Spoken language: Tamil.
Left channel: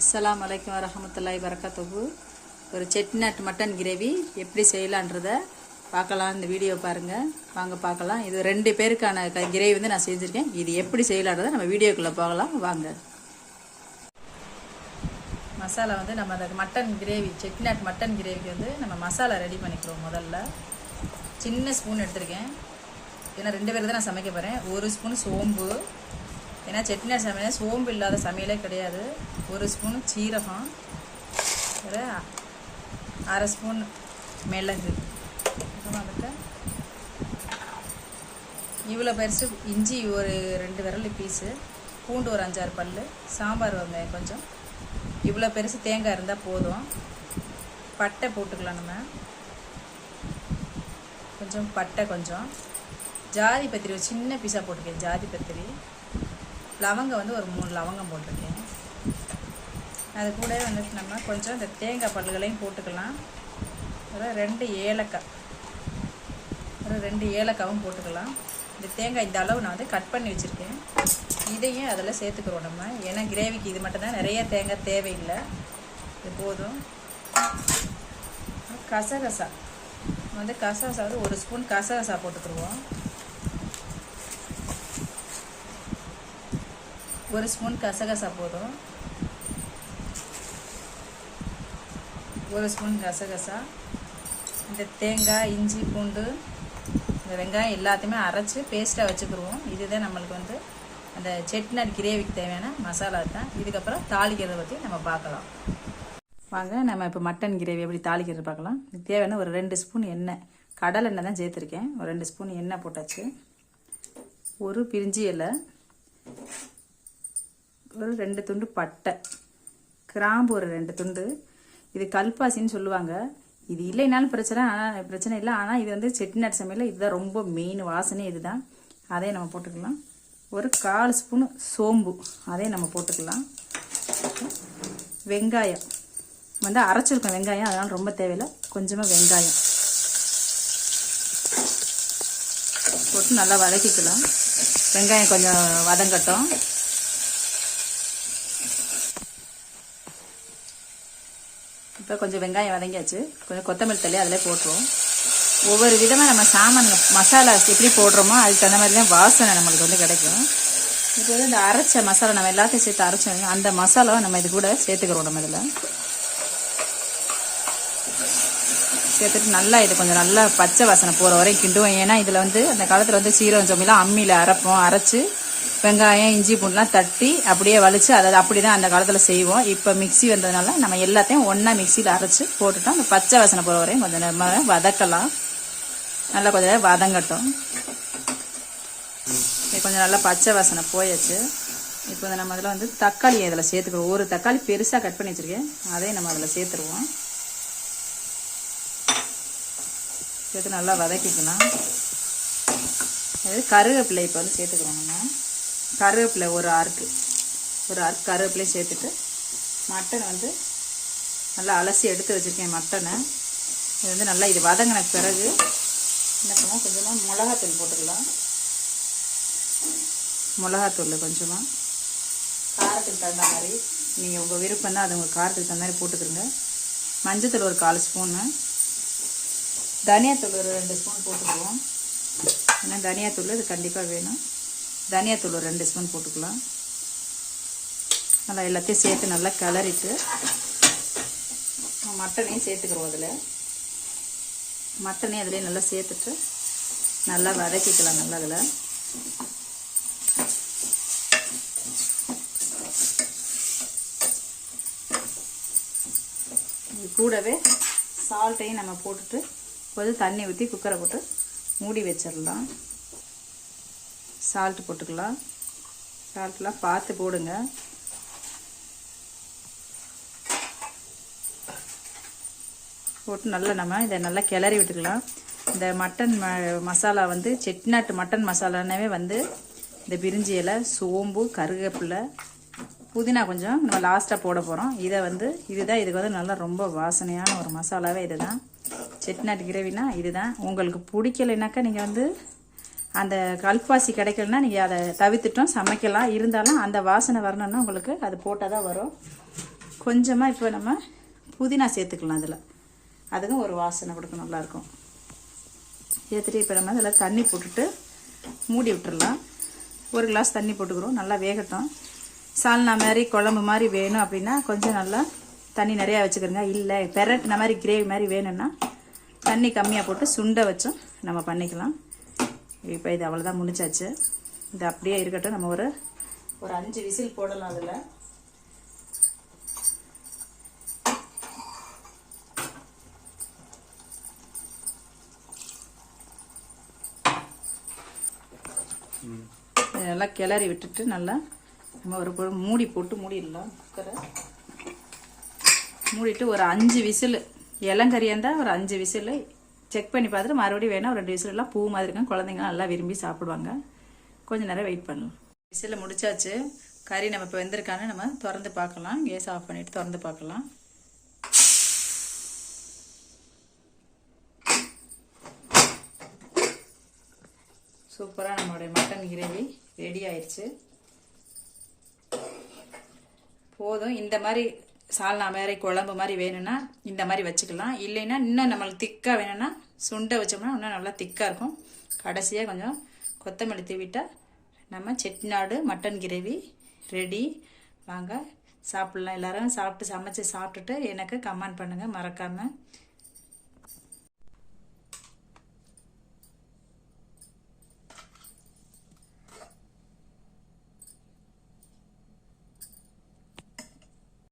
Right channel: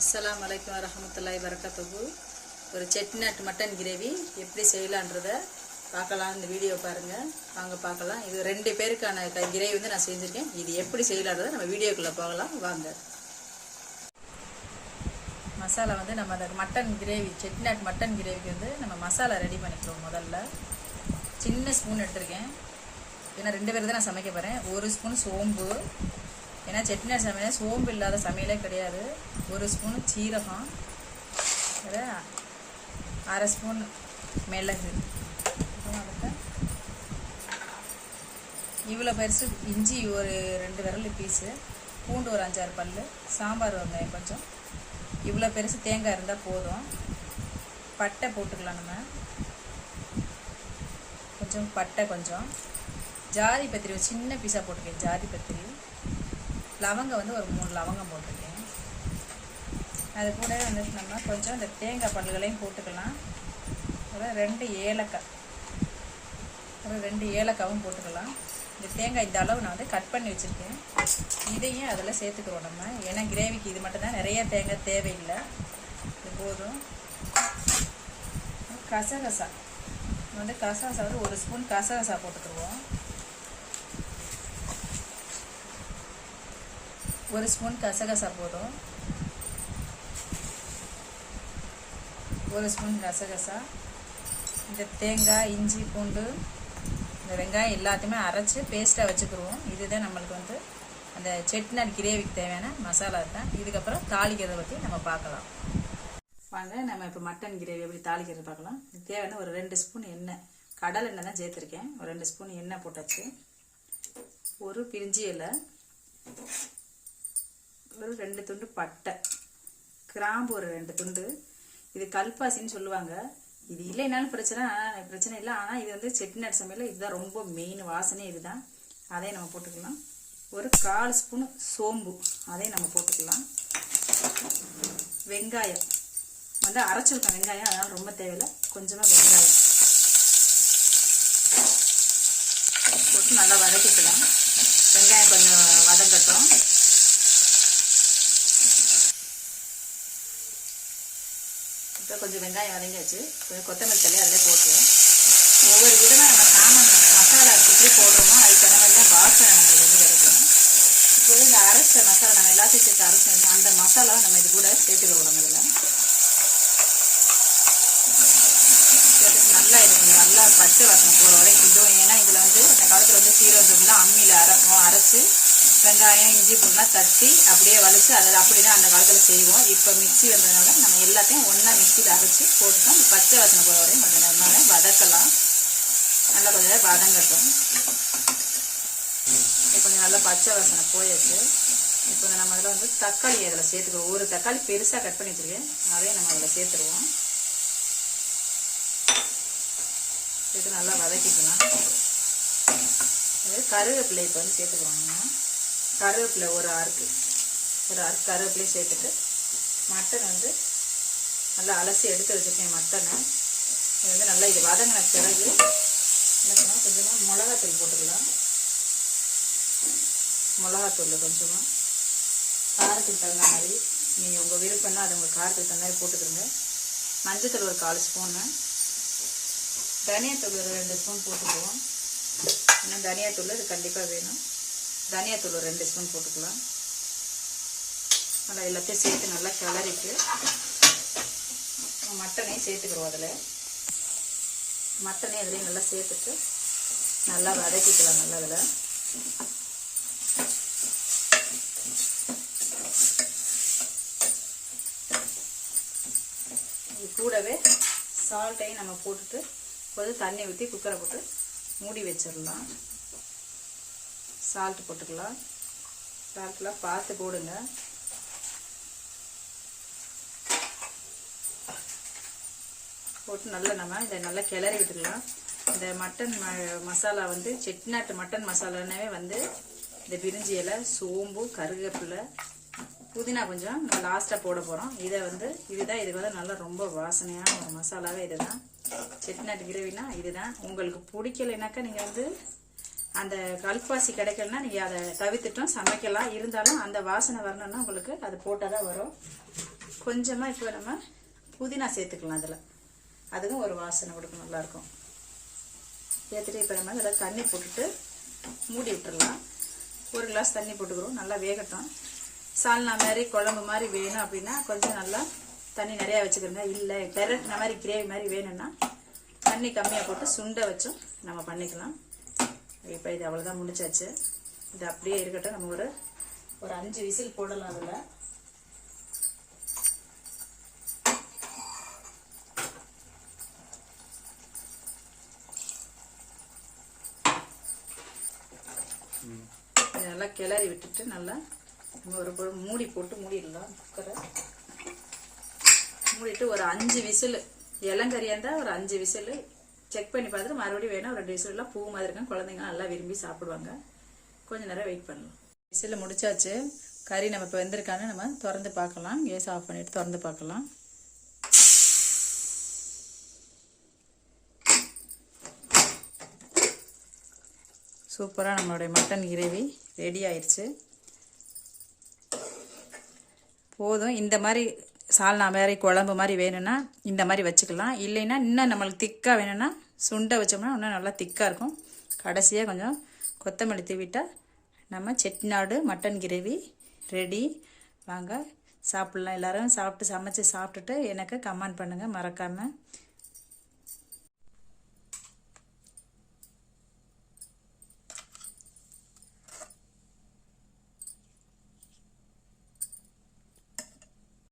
அஸ்லாம் அலைக்கும் வரஹமத்துல்லாஹி வரக்கத்தகு ஒரு செட்டிநாட்டு மட்டன் கிரேவி எப்படி செய்யலான்றத பார்க்கலாம் இந்த வீடியோ பாருங்கள் வாங்க பார்க்கலாம். இது ரெண்டு பேருக்கான கிரேவி வந்து நான் செஞ்சுருக்கேன். இது எப்படி செய்யலான்றதை நம்ம வீடியோக்குள்ளே போகலாம். வாங்க. மசாலா வந்து நம்ம அந்த மட்டன் கிரேவி செட்டிநாட் மட்டன் கிரேவிக்கு வந்து நம்ம மசாலா ரெடி பண்ணிக்கிறோம் முதல்ல. சின்ன ஸ்பூன் எடுத்திருக்கேன். ஏன்னா ரெண்டு பேருக்கு தான் நான் சமைக்க போகிறேன் ஒரு ஸ்பூன் சோம்பு ஏன்னா செட்டிநாடு சமையல் சோம்பு இல்லாத சமையலே கிடையாது. ஒரு ஸ்பூன் சீரகம் அரை ஸ்பூன் மிளகு. அதுக்கு இவ்வளோ பெருசு இஞ்சி ஒரு ரெண்டு விரல் பீஸு பூண்டு ஒரு அஞ்சாறு பல் சாம்பார் வெங்காயம் கொஞ்சம். இவ்வளோ பெருசு தேங்காய் இருந்தால் போதும். பட்டை போட்டுக்கலாம் நம்ம. கொஞ்சம் பட்டை கொஞ்சம். ஜாதி பத்திரி ஒரு சின்ன பீஸாக போட்டிருக்கேன் ஜாதி பத்திரி. லவங்கம் வந்து ஒரு மூணு லவங்கம் போட்டிருக்கேன். அது கூட வந்துட்டு நம்ம கொஞ்சம் இந்த தேங்காய் பல்லுகளையும் போட்டுக்கலாம். ஒரு ரெண்டு ஏலக்காய். ஒரு ரெண்டு ஏலக்காவும் போட்டுக்கலாம். இந்த தேங்காய் இந்த அளவு நான் வந்து கட் பண்ணி வச்சுருக்கேன். இதையும் அதில் சேர்த்துக்கிறோம் நம்ம. ஏன்னா கிரேவிக்கு இது மட்டும் தான் நிறைய தேங்காய் தேவையில்லை. இது போதும். கசகசா. வந்து கசகசா வந்து ஒரு ஸ்பூன் கசகசா போட்டுக்கிடுவோம். ஒரு ஸ்பூன் கசகசா போதும். ஒரு ஸ்பூன் கசகசா. இந்த தேங்காய் இஞ்சி பூண்டு இந்த வெங்காயம் எல்லாத்தையுமே அரைச்சி பேஸ்ட்டாக வச்சுக்கிடுவோம் இதுதான் நம்மளுக்கு வந்து அந்த செட்டிநாடு கிரேவிக்கு தேவையான மசாலா தான் இதுக்கப்புறம் தாளிக்கிறத பற்றி நம்ம பார்க்கலாம். வாங்க நம்ம இப்போ மட்டன் கிரேவி எப்படி தாளிக்கிறது பார்க்கலாம். தேவையான ஒரு ரெண்டு ஸ்பூன் எண்ணெய். கடல் எண்ணெய் தான் சேர்த்துருக்கேன். ஒரு ரெண்டு ஸ்பூன் எண்ணெய் போட்டாச்சு. ஒரு பிரிஞ்சி இலை. ஒரு ரெண்டு துண்டு பட்டை. கிராம்பு ஒரு ரெண்டு துண்டு. இது கல்பாசின்னு சொல்லுவாங்க. இது இல்லைனாலும் பிரச்சனை ஆனால் பிரச்சனை இல்லை. ஆனால் இது வந்து செட்டிநாடு சமையல இதுதான் ரொம்ப மெயின் வாசனை இதுதான். அதையும் நம்ம போட்டுக்கலாம். ஒரு கால் ஸ்பூன் சோம்பு. அதையும் நம்ம போட்டுக்கலாம். வெங்காயம். வந்து அரைச்சிருக்கோம் வெங்காயம் அதனால் ரொம்ப தேவையில்லை. கொஞ்சமாக வெங்காயம். போட்டு நல்லா வதக்கிக்கலாம். வெங்காயம் கொஞ்சம் வதங்கட்டும். இப்போ கொஞ்சம் வெங்காயம் வதங்கியாச்சு. கொஞ்சம் கொத்தமல்லி தள்ளி அதில் போட்டுருவோம். ஒவ்வொரு விதமாக நம்ம சாமான் மசாலா எப்படி போடுறோமோ அதுக்கு தகுந்த மாதிரி தான் வாசனை நம்மளுக்கு வந்து கிடைக்கும். இப்போ வந்து இந்த அரைச்ச மசாலா நம்ம எல்லாத்தையும் சேர்த்து அரைச்சோம். அந்த மசாலாவை நம்ம இது கூட சேர்த்துக்கிறோம் நம்ம இதில். சேர்த்துட்டு நல்லா இது கொஞ்சம் நல்லா பச்சை வாசனை போகிற வரைக்கும் கிண்டுவோம். ஏன்னா இதில் வந்து அந்த காலத்தில் வந்து சீரகம் சோம்பெல்லாம் அம்மியில் அரைப்போம். அரைச்சி வெங்காயம் இஞ்சி பூண்டுலாம் தட்டி அப்படியே வலிச்சு அதை அப்படி தான் அந்த காலத்தில் செய்வோம். இப்போ மிக்ஸி வந்ததுனால நம்ம எல்லாத்தையும் ஒன்றா மிக்சியில் அரைச்சி போட்டுட்டோம். அந்த பச்சை வாசனை போகிற வரையும் கொஞ்சம் நேரமாக வதக்கலாம். நல்லா கொஞ்சம் நேரம் வதங்கட்டும். கொஞ்சம் நல்லா பச்சை வாசனை போயாச்சு. இப்போ நம்ம அதில் வந்து தக்காளி அதில் சேர்த்துக்குவோம் ஒரு தக்காளி பெருசாக கட் பண்ணி வச்சுருக்கேன். அதையும் நம்ம அதில் சேர்த்துருவோம். சேர்த்து நல்லா வதக்கிக்கணும் அது கருவேப்பிலை இப்போ வந்து சேர்த்துக்குவோம் கருவேப்பிலை ஒரு ஆறுக்கு ஒரு ஆறு கருவேப்பிலையும் சேர்த்துட்டு மட்டன் வந்து நல்லா அலசி எடுத்து வச்சுருக்கேன் மட்டனை. இது வந்து நல்லா இது வதங்கின பிறகு என்ன பண்ணால் கொஞ்சமாக மிளகாத்தூள் போட்டுக்கலாம். மிளகாத்தூள் கொஞ்சமாக காரத்துக்கு தகுந்த மாதிரி நீங்கள் உங்கள் விருப்பம் தான் அது உங்கள் காரத்துக்கு தகுந்த மாதிரி போட்டுக்கிறங்க மஞ்சத்தூள் ஒரு கால் ஸ்பூனு. தனியாத்தூள் ஒரு ரெண்டு ஸ்பூன் போட்டுக்குவோம். ஏன்னா தனியாத்தூள் இது கண்டிப்பாக வேணும். தனியாத்தூள் ரெண்டு ஸ்பூன் போட்டுக்கலாம். நல்லா எல்லாத்தையும் சேர்த்து நல்லா கிளறிட்டு மட்டனையும் சேர்த்துக்கிறோம் அதில். மட்டனையும் அதிலே நல்லா சேர்த்துட்டு நல்லா வதக்கிக்கலாம் நல்லா அதில். கூடவே சால்ட்டையும் நம்ம போட்டுட்டு கொஞ்சம் தண்ணி ஊற்றி குக்கரை போட்டு மூடி வச்சிடலாம். சால்ட் போட்டுக்கலாம். சால்ட்லாம் பார்த்து போடுங்க. போட்டு நல்லா நம்ம இதை நல்லா கிளறி விட்டுக்கலாம். இந்த மட்டன் ம- மசாலா வந்து செட்டிநாட்டு மட்டன் மசாலானாவே வந்து இந்த பிரிஞ்சி இலை சோம்பு கருவேப்பிலை புதினா கொஞ்சம் நம்ம லாஸ்ட்டாக போட போகிறோம் இதை வந்து இதுதான் இதுக்கு வந்து நல்லா ரொம்ப வாசனையான ஒரு மசாலாவே இதுதான். செட்டிநாட்டு கிரவினா இதுதான். உங்களுக்கு பிடிக்கலைனாக்கா நீங்கள் வந்து அந்த கல்பாசி கிடைக்கலன்னா நீங்கள் அதை தவிர்த்துட்டும் சமைக்கலாம். இருந்தாலும் அந்த வாசனை வரணும்னா உங்களுக்கு அது போட்டால் தான் வரும். கொஞ்சமாக இப்போ நம்ம புதினா சேர்த்துக்கலாம் அதில். அதுவும் ஒரு வாசனை கொடுக்கும் நல்லாயிருக்கும் ஏற்றிட்டு இப்போ நம்ம அதில் தண்ணி போட்டுட்டு மூடி விட்டுடலாம் ஒரு கிளாஸ் தண்ணி போட்டுக்கிறோம் நல்லா வேகட்டும். சால்னா மாதிரி குழம்பு மாதிரி வேணும் அப்படின்னா கொஞ்சம் நல்லா தண்ணி நிறையா வச்சுக்கிறோங்க. இல்லை பெரட்டின மாதிரி கிரேவி மாதிரி வேணும்னா தண்ணி கம்மியாக போட்டு சுண்டை வச்சும் நம்ம பண்ணிக்கலாம். இப்போ இது அவ்வளோதான் முடிச்சாச்சு இது அப்படியே இருக்கட்டும். நம்ம ஒரு ஒரு அஞ்சு விசில் போடலாம் அதில். நல்லா கிளறி விட்டுட்டு நல்லா நம்ம ஒரு மூடி போட்டு மூடிடலாம். குக்கரை. மூடிட்டு ஒரு அஞ்சு விசில். இளங்கறியாக இருந்தால் ஒரு அஞ்சு விசில். செக் பண்ணி பார்த்துட்டு மறுபடியும் வேணால் ஒரு ரெண்டு விசிலெலாம் எல்லாம் பூ மாதிரி இருக்கும். குழந்தைங்க நல்லா விரும்பி சாப்பிடுவாங்க. கொஞ்ச நேரம் வெயிட் பண்ணலாம் விசிலில் முடிச்சாச்சு. கறி நம்ம இப்போ வெந்திருக்கான்னு நம்ம திறந்து பார்க்கலாம். கேஸ் ஆஃப் பண்ணிட்டு திறந்து பார்க்கலாம். சூப்பராக நம்மளுடைய மட்டன் கிரேவி ரெடி ஆயிடுச்சு போதும். இந்த மாதிரி சால்னா மாதிரி குழம்பு மாதிரி வேணும்னா இந்த மாதிரி வச்சுக்கலாம். இல்லைன்னா இன்னும் நம்மளுக்கு திக்காக வேணும்னா சுண்டை வச்சோம்னா இன்னும் நல்லா திக்காக இருக்கும். கடைசியாக கொஞ்சம் கொத்தமல்லி தூவிட்டால் நம்ம செட்டிநாடு மட்டன் கிரேவி ரெடி வாங்க சாப்பிட்லாம். எல்லோரும் சாப்பிட்டு சமைச்சு சாப்பிட்டுட்டு எனக்கு கமெண்ட் பண்ணுங்கள் மறக்காமல்